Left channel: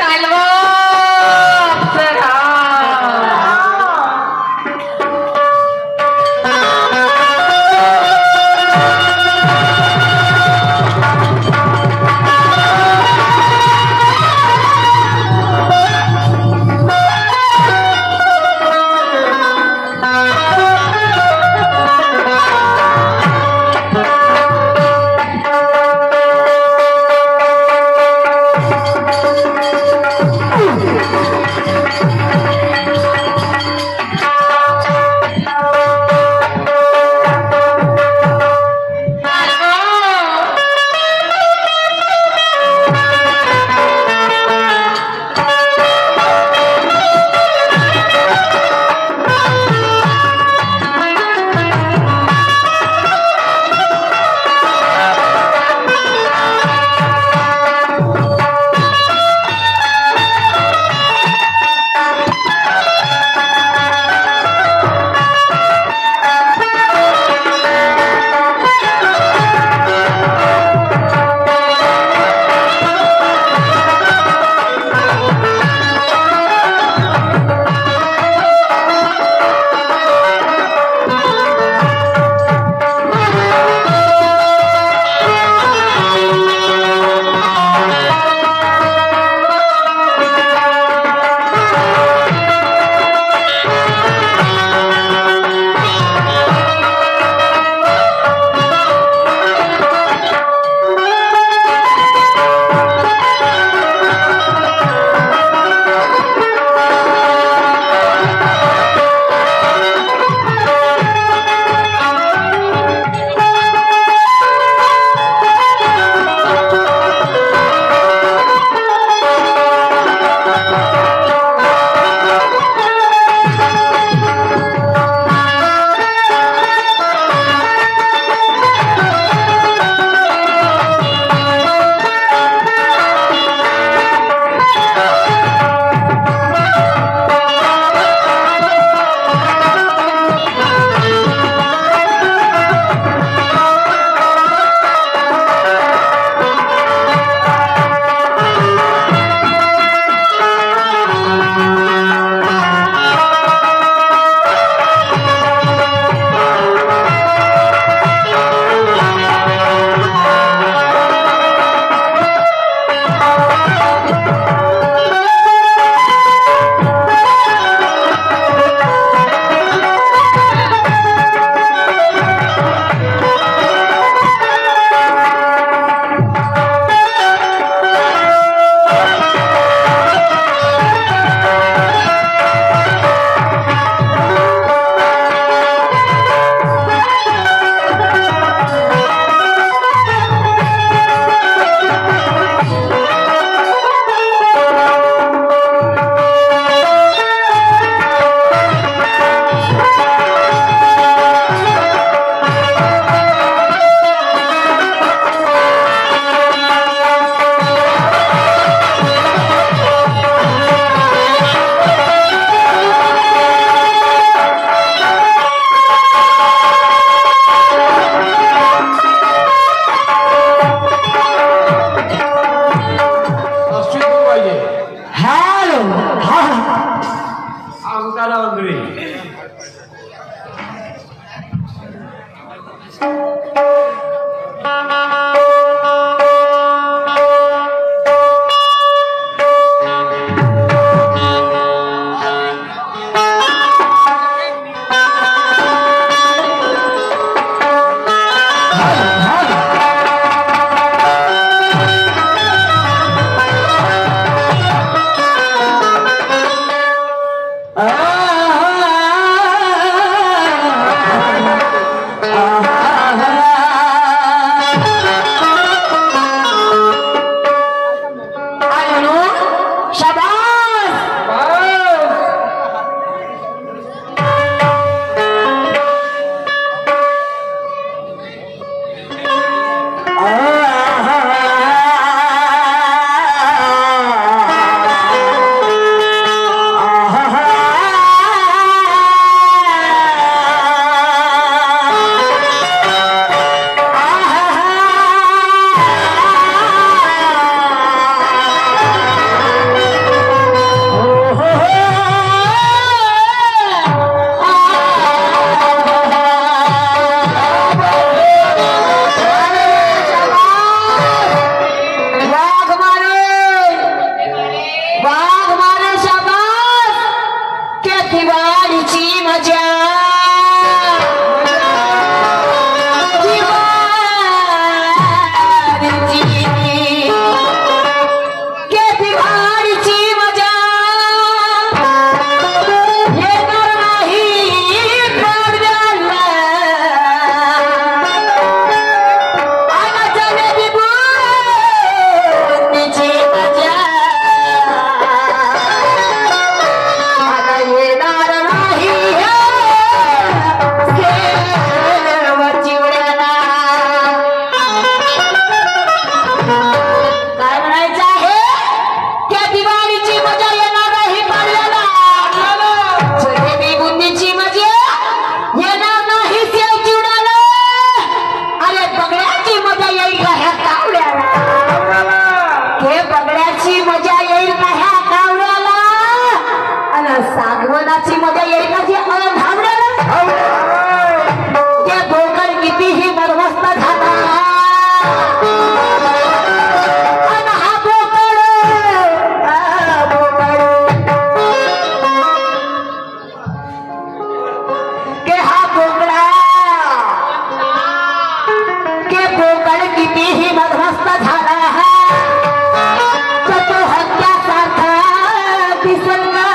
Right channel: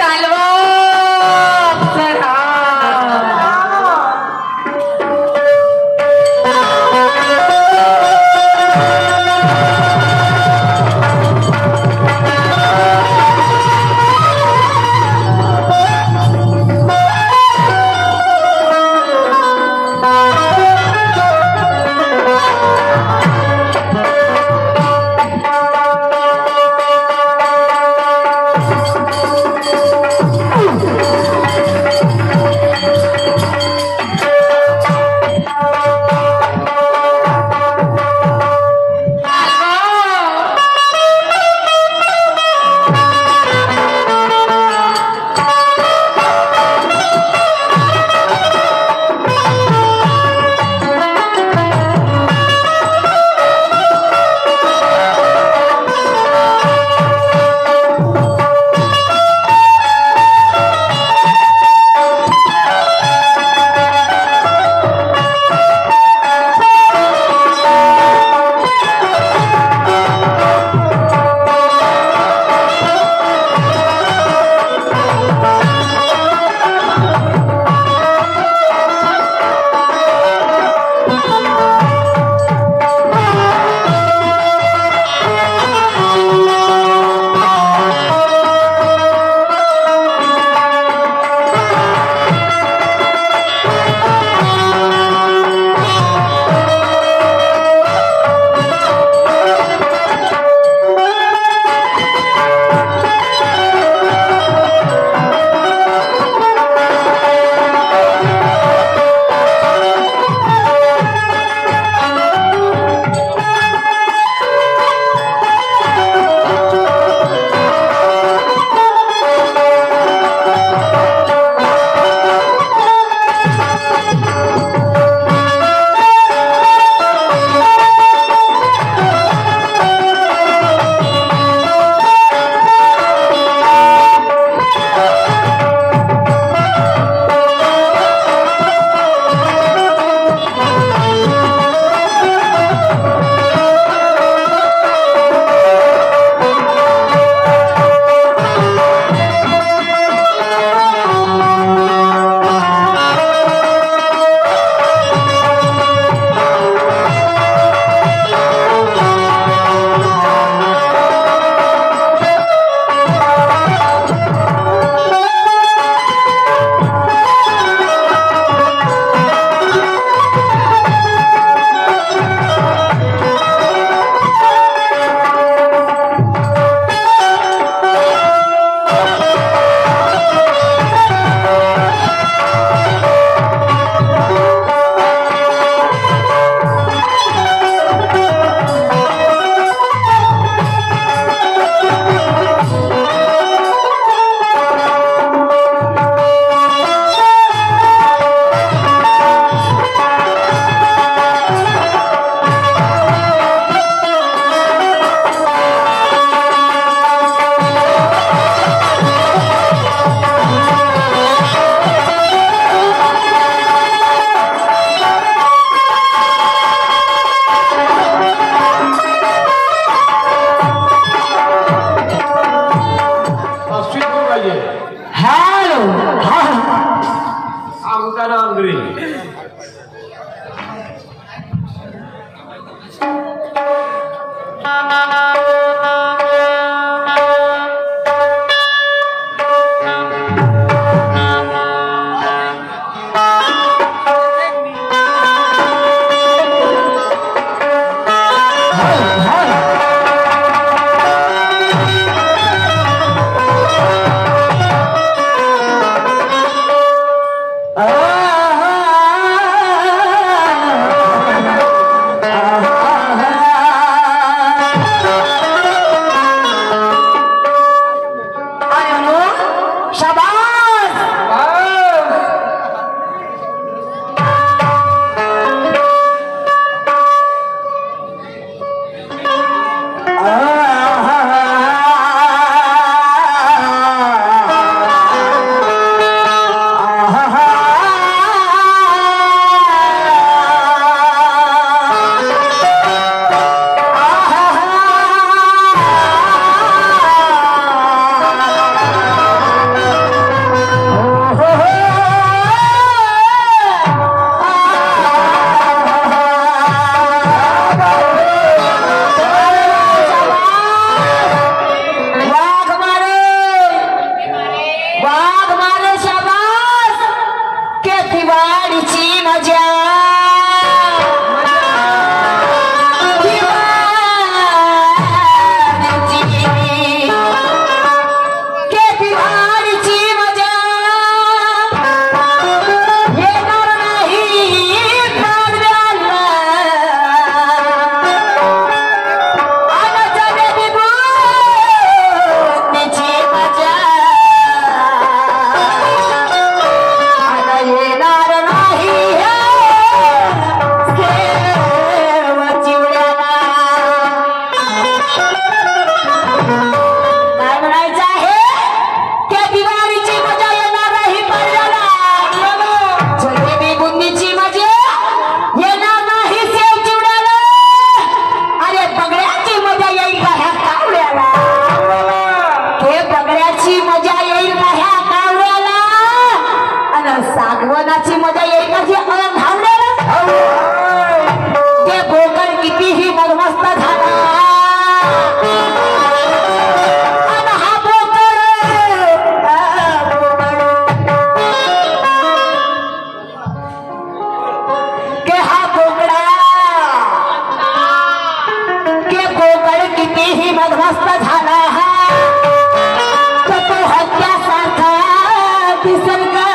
चालवा अप्सरा. वनाची मजा येईल का ह्या कावड्याला आणि सागवनाची मजा येईल का ह्या धावड्याला ते बोकड कितीही मदमस्त झाला आणि हा बोकड के हा बोकडा के बोकड कितीही मदमस्त झाला तर तो हत्यासारखा दिसेल का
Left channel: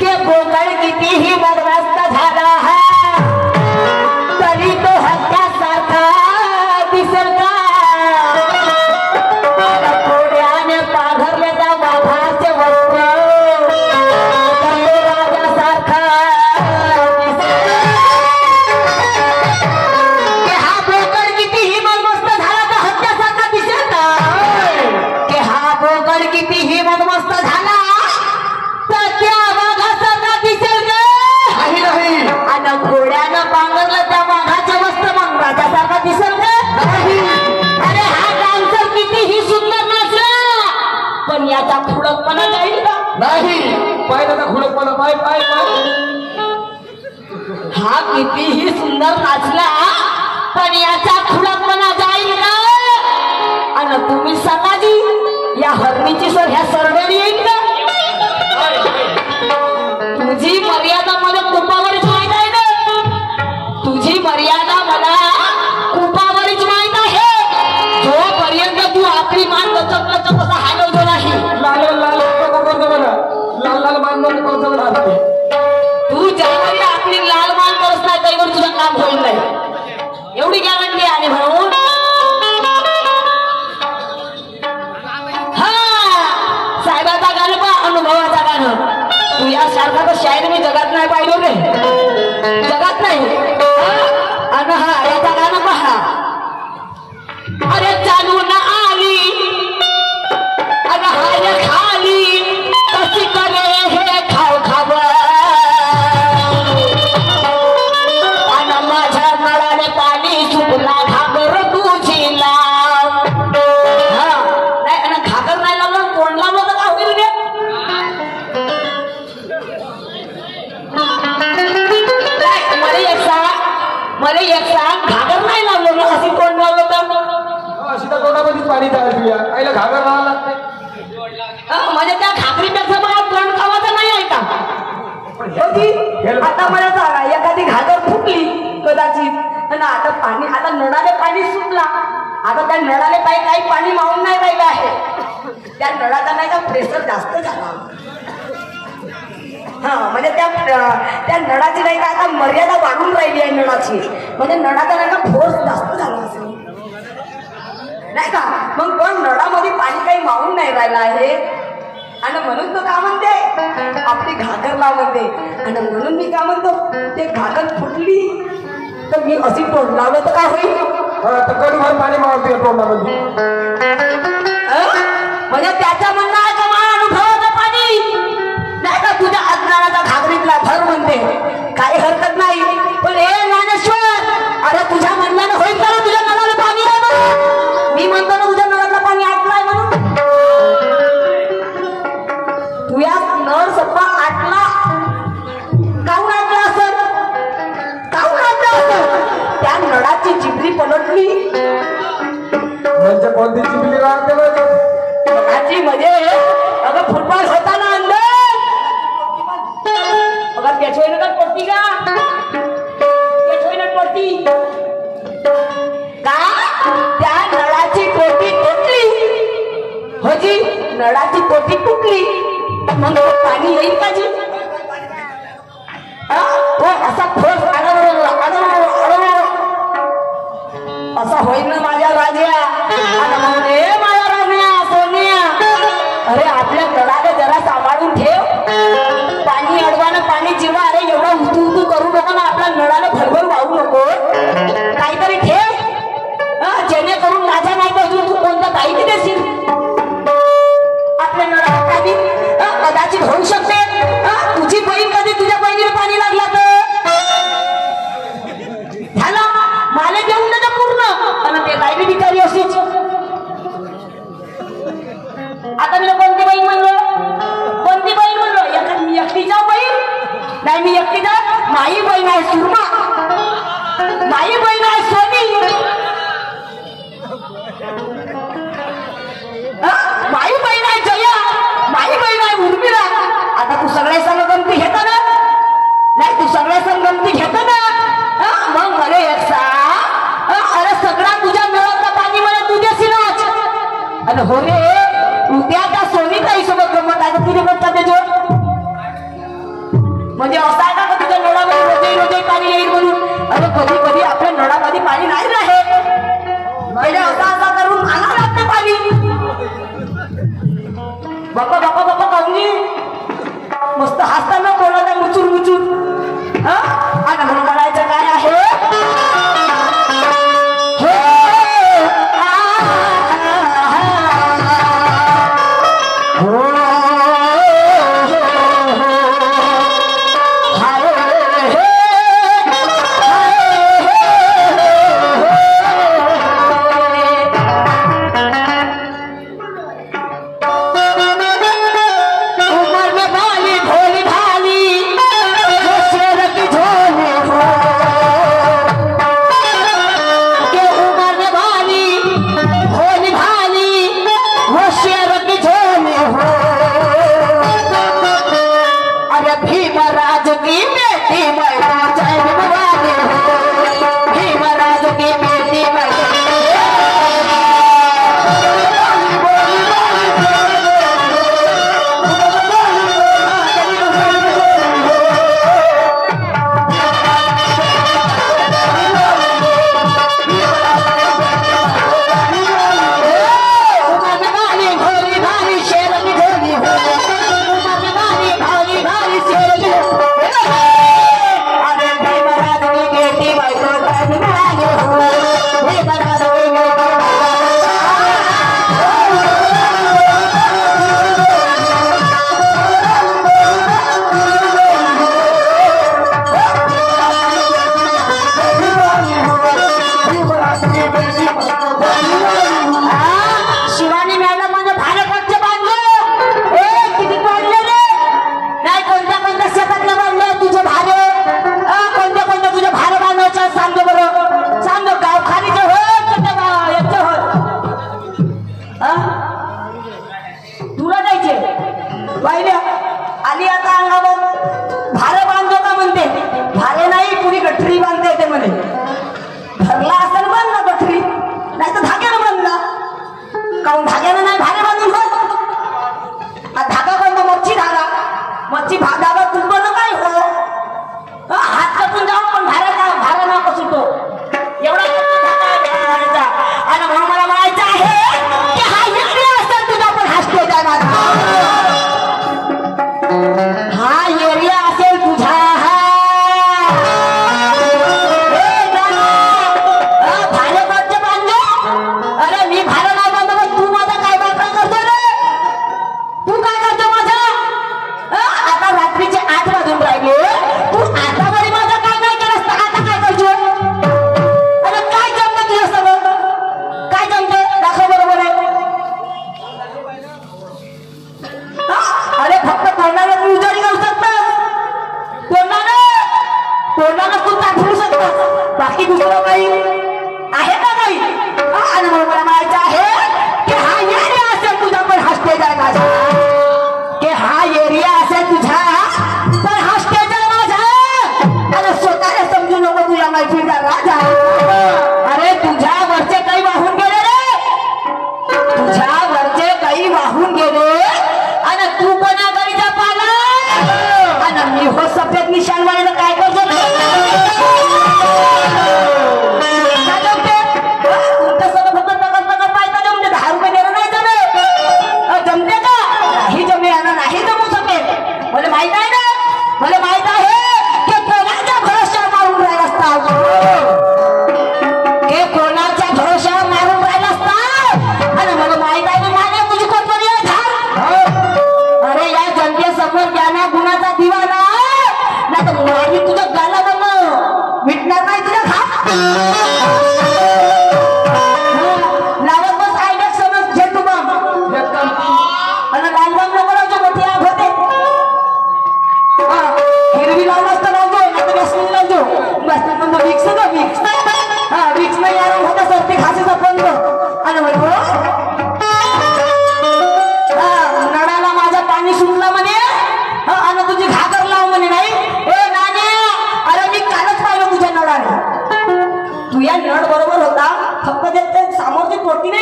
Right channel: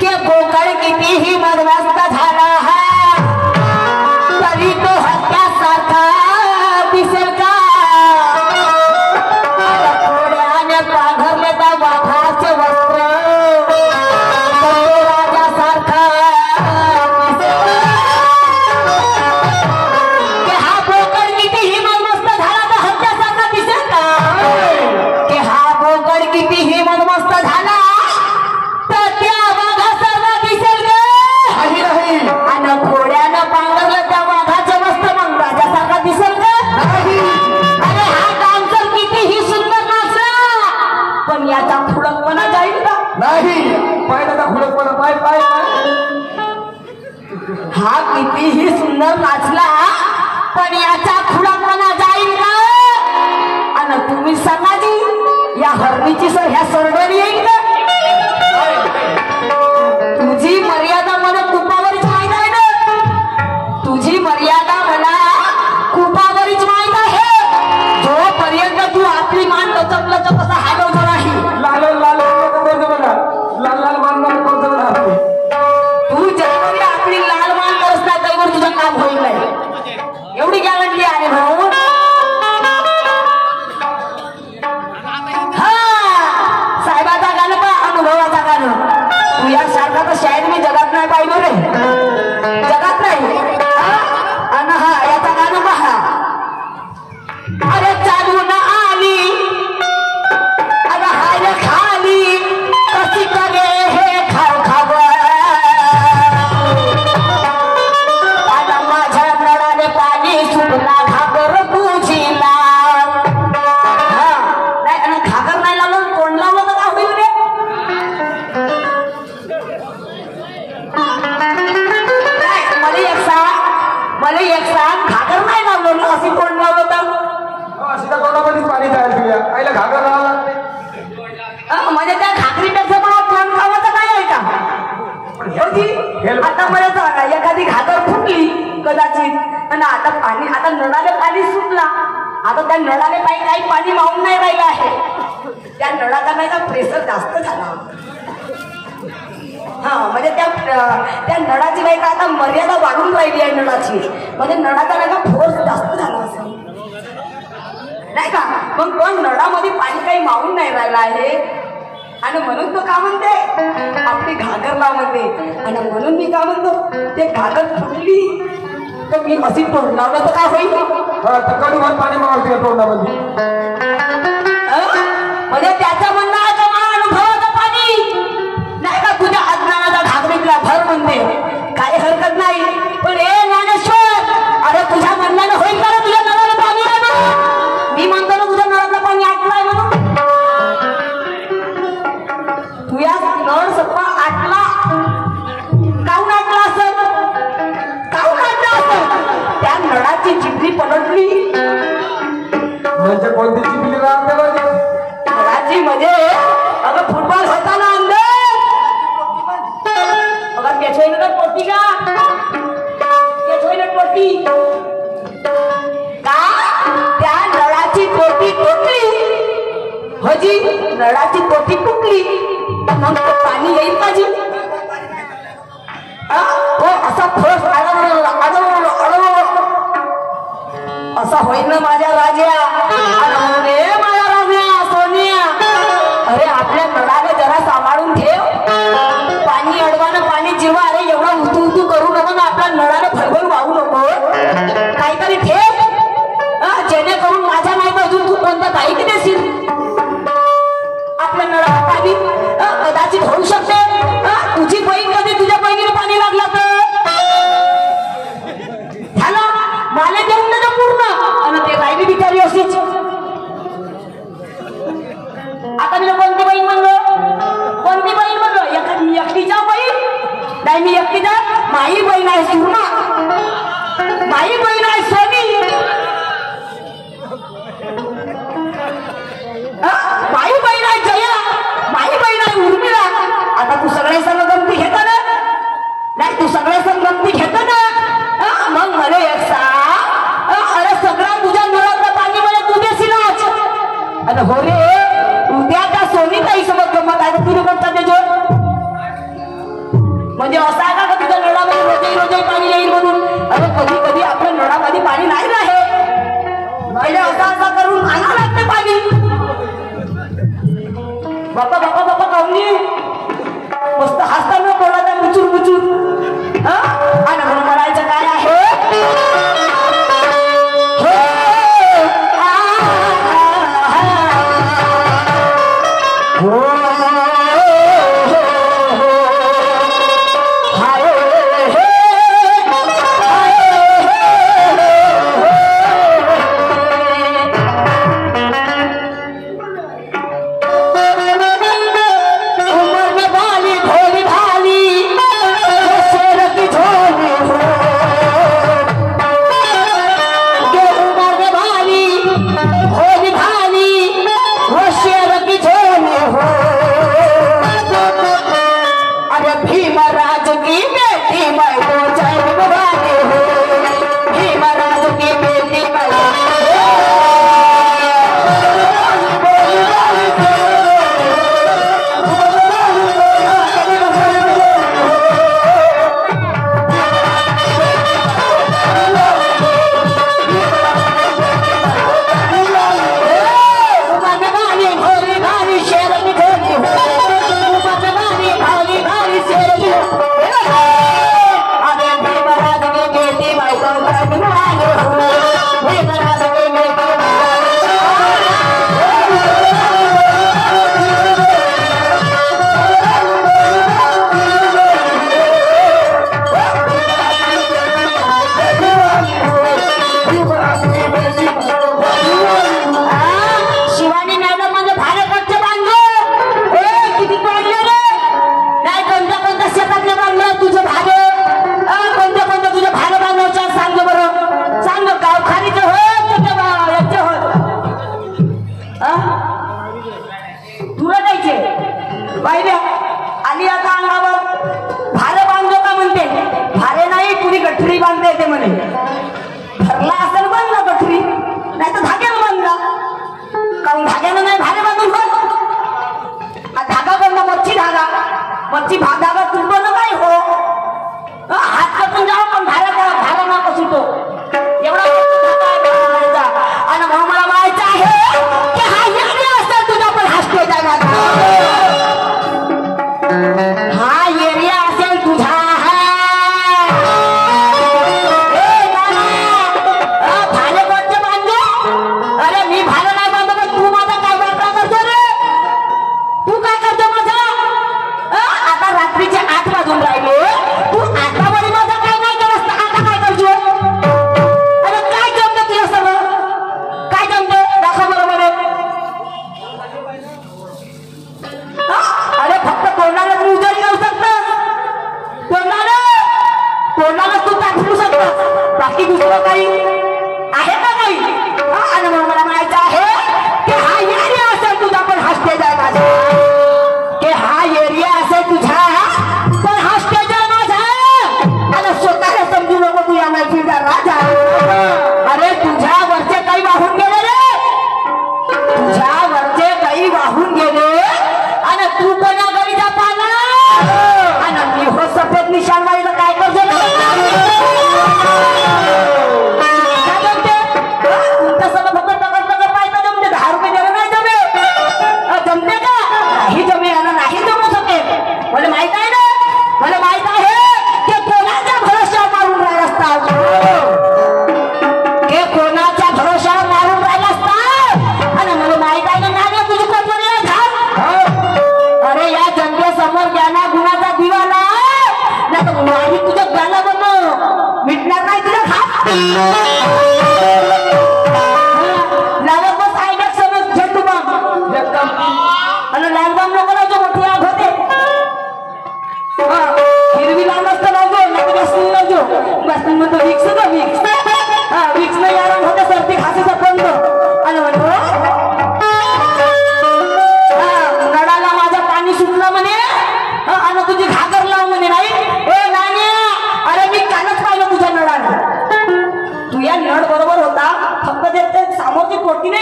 के बोकड कितीही मदमस्त झाला तरी तो हत्यासारखा दिसेल का थोड्याने पाघरले का वाघाचे वस्त्र राजासारखा के हा बोकड कितीही मदमस्त झाला तर हत्यासारखा दिसेल का के हा बोकड कितीही मदमस्त झाला तर त्या वाघासारखा दिसेल का आणि घोड्यानं पांघरलं त्या वाघाचे वस्त्र मग राजासारखा दिसेल का अरे हा डान्सर कितीही सुंदर नाचला पण याचा खुळकपणा जाईल का नाही पाहिलं खुलकपणा पाय पाय पाय हा कितीही सुंदर नाचला पण याचा खुळकपणा जाईल का आणि तुम्ही सांगा जी या हरणीची सर ह्या सरडोरी येईल का तुझी मर्यादा मला कुपावरच माहित आहे ना तुझी मर्यादा मला कुपावरच माहित आहे जोपर्यंत तू आपली मान लचक लचक असा हालवतो नाही लाल लाल करतो मला लाल लाल मान करतो मला तू ज्यावेळी आपली लाल मान करत नाही त्यावर तुझं काम होईल नाही एवढी गॅरंटी आहे भाऊ हा साहेबाचा गाणं पहा अनुभवाचा गाणं तू या सारखा तर शायर मी जगात नाही पाहिलो रे जगात नाही आणि हा याचा गाणं पहा अरे चालून आली अरे हाय खाली कशी करे हे खाव खाव आणि माझ्या नळाने पाणी सुटला घागर तुझीला हा नाही आणि घागर नाही लावलं कोण लावलं तर काय होईल रे मला एक सांग घागर नाही लावलं ना अशी कोण लावलं तर अशी त्या तोंडामध्येच पाणी तयार तुझ्या आईला घागर राहावं लागते म्हणजे त्या घागरीपेक्षा मला तोंड खावाचं नाही आहे का आता मला सांगा एखादी घागर फुटली कदाचित आणि आता पाणी आता नळाले पाणी सुटला आता त्या नळाले काही पाणी मावून नाही राहिलं आहे त्या नळाचा नाही का प्रेशर जास्त झाला हा म्हणजे त्या नळाची नाही का आता मर्यादा वाढून राहिली आहे नळाची म्हणजे नळाचा नाही का फोर्स जास्त झाला असेल नाही का मग पण नळामध्ये पाणी काही मावून नाही राहिलं आहे आणि म्हणून तो का म्हणते आपली घागर लाव म्हणते आणि म्हणून मी का म्हणतो ते घागर फुटली तर मी अशी तोंड लावलं तर काय होईल तर कडूभर पाणी मावते तोंडामध्ये म्हणजे त्याच्या म्हणण्याचा अनुभवाचं पाणी नाही का तुझ्या अज्ञानाचा घागरीतला भर म्हणते काही हरकत नाही पण हे ज्ञानेश्वर अरे तुझ्या म्हणण्यानं होईल का तुझ्या नळाला पाणी आहे मी म्हणतो ना तुझ्या नळातलं पाणी आटलाय म्हणून तुझ्या नळ सप्पा आटला काहून आटला असं काहून आटला असं त्या नळाची चिपरी पलटली म्हणजे कोणती चिपली राहते नळाची म्हणजे अगं फुटबॉल होता ना अंदर अगं त्याच्या टोटी का त्याच्या टोटी का त्या नळाची टोटी तुटली होजी नळाची टोटी तुटली मग पाणी येईल पाहिजे असा ठोस असा होईल ना माझ्या राजा माझ्या राजा सोनिया अरे आपल्या नळाला जरा सांभाळून ठेव पाणी अडवानं पाणी जिवा अरे एवढा उतू उतू करू नका ना आपल्या नळाला भरभर वाहू नको काहीतरी ठेव जेणेकरून माझ्या नाही पाहिजे तू कोणता काही की देशील आपल्या नळाला पाणी कदाचित होऊ शकते तुझी बहीण कधी तुझ्या बहिणीला पाणी लागला तर झालं मला देऊन नका पूर्ण आणि ते राहिली बिचारी अशीच. आता मी कोणती बहीण म्हणलो, कोणती बहीण म्हणलो? एकटीच्या बहीण नाही, मी एकटीचा माई बहीण आहे सुरमा, माई बहीण आहे सोनी, माई बहीण आहे जया, माई बहीण आहे उर्मिला. आता तू सगळे सण गमती घेत ना? नाही, तू सगळे सण गमती घेत ना? मग मला एक सांग, अरे सगळा तुझ्या नळातलं पाणी मला तू देशीलच. अरे हो रे, उद्या त्या सोनीच्या हिशोबात गमत आहे तर तुझे कोणता ते जोड? म्हणजे असं आहे का तुझ्या नळामध्ये रोजही रोजही पाणी येईल म्हणून? अरे कधी कधी आपल्या नळामध्ये पाणी नाही राहे, पहिले असा असा करून आणावं लागते पाणी. बाप्पा बाप्पा बाप्पा कवली मस्त हसताना बोलायचा मुचूर मुचूर. आणि म्हणून म्हणायचं काय आहे, आली आता अंगावर भारे बांधतो का म्हणते? भारे नाही, कुणी गठरी बांधता येते म्हणे. भरला असेल बांधला गठरी, नाही तर धाग्यानं बांधला. कारण धाग्यानं नाही भारे बांधून बघ. धागा बांधला मच्छी धागा, मच्छी धागा तुटलं काय हो, हात कसून जाऊ पण भारा ना कसून तो एवढा धागा. आणि म्हणून मला माहिती आहे की हा इकडे असेल तुझा पण हसतो जाणार, हा एरिया असेल तुझा. भाले बांधते बांधले, अरे मी भालं नाही बांधलं, तू माझा काय बांधला करतो रे? तू काय करतो माझा? आता रात्रीचे 8 वाजून राहिले, तू आतापर्यंत माझा काय नाही केलं, आता काय करतो? अरे काय जमतं तुझं सगळं? काय जमतं? दाखव बरोबर आहे. अरे फक्त तोंडाला तू उजाडी घेऊ शकतात, तोंडाला तू दाखवू शकतात, बाकी दुसरं काही आहे का? नाही. आणि म्हणून मला माहिती आहे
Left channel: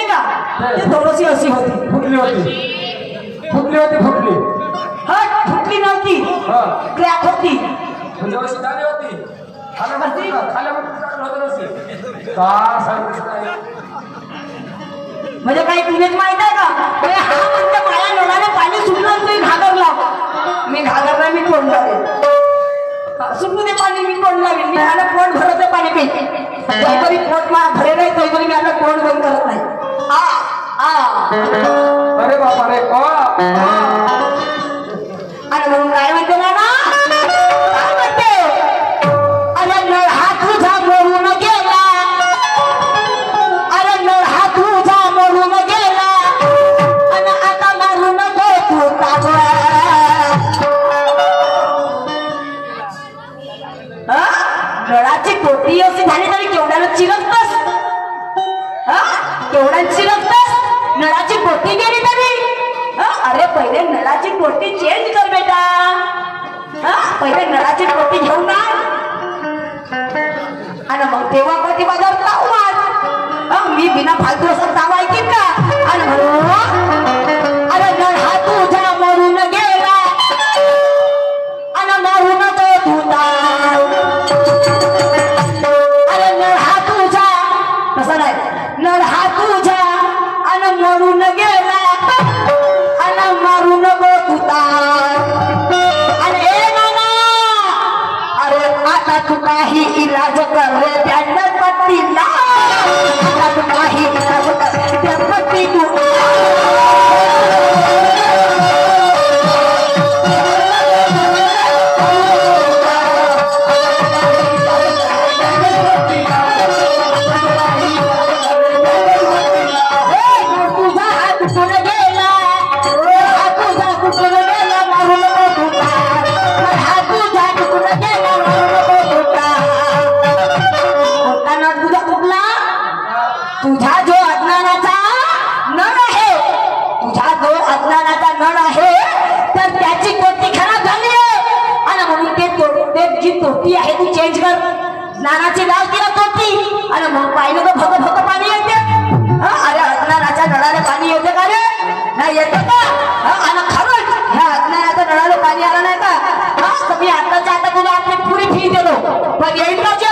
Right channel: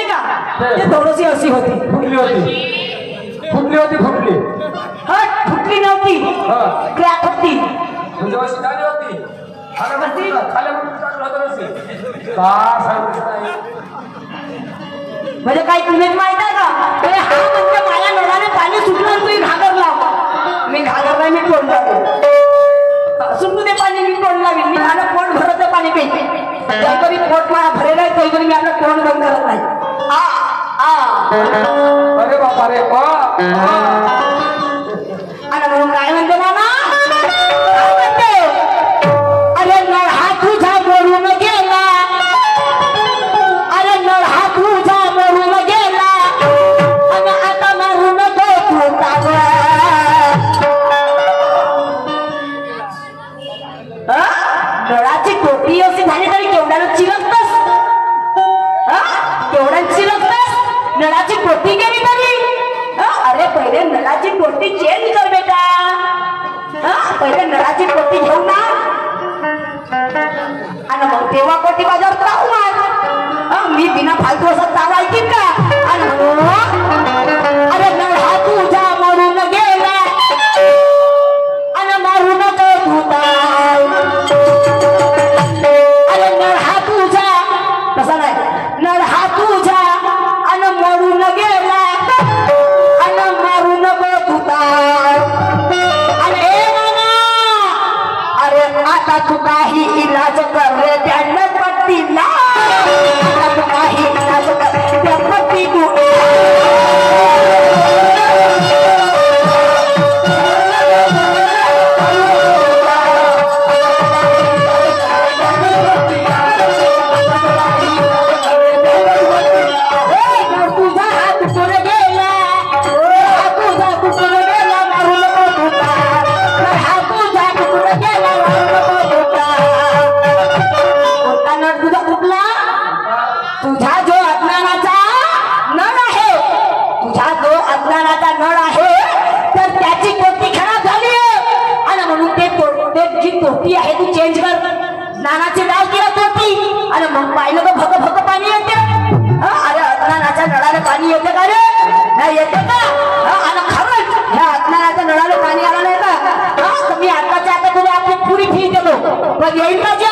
का ते थोडीशी अशी होती फुटली होती हट फुटली नव्हती हा क्रॅक होती म्हणजे अशी झाली होती खाल्यामध्ये टाकलं होतं नसते का सांगितलं म्हणजे काही तुम्हीच माहित आहे का अरे हा म्हणजे माझ्या नळाने पाणी सुटलं तुम्ही घागरला मी घागरला मी तोंड लावेल सुटू दे पाणी मी तोंड लावेल मी मला पोट भरत पाणी पिते तरी पोट मला भरेल आहे तरी मी आता तोंड बंद करत नाही अरे बापा रे आणि म्हणून काय म्हणते नाना काय म्हणते अरे नळ हा तुझा मरून गेला अरे नळ हा तुझा मरून गेला आणि आता मरून तू नळाची टोपी अशी झाली तरी केवढ्याला चिरकतस केवढ्या चिरकतस नळाची टोपी गेली तरी अरे पहिले नळाची टोपी चेंज कर बेटा पहिले नळाची टोपी घेऊन ना आणि मग तेव्हा कोटी बाजार जाऊ मार मी बिना फालतू असं चालू ऐकीन का आणि अरे नळ हा तुझा मरून गेला आणि मारून तू अरे नळ हा तुझा तसा नाही नळ हा तुझा आणि मरून गेला आणि मारून तुता अरे नाना अरे आता तू काही इलाज कर रे त्यांना पत्ती ना आता तू काही इलाज कर त्या पत्ती तू तुझा जो अज्ञानाचा नळ आहे तर त्याची टोपी खराब झाली आहे आणि म्हणून ते जी टोपी आहे ती चेंज कर नानाची लाव केला टोपी आणि मग पाहिलं तर भग भग पाणी येते अरे अज्ञानाच्या नळाला पाणी येते का रे नाही येते का आणि खरंच ह्या अज्ञानाच्या नळाला पाणी आलं नाही का मी आताच्या आता तुला आपली पुरी फी देतो पण येईल का जी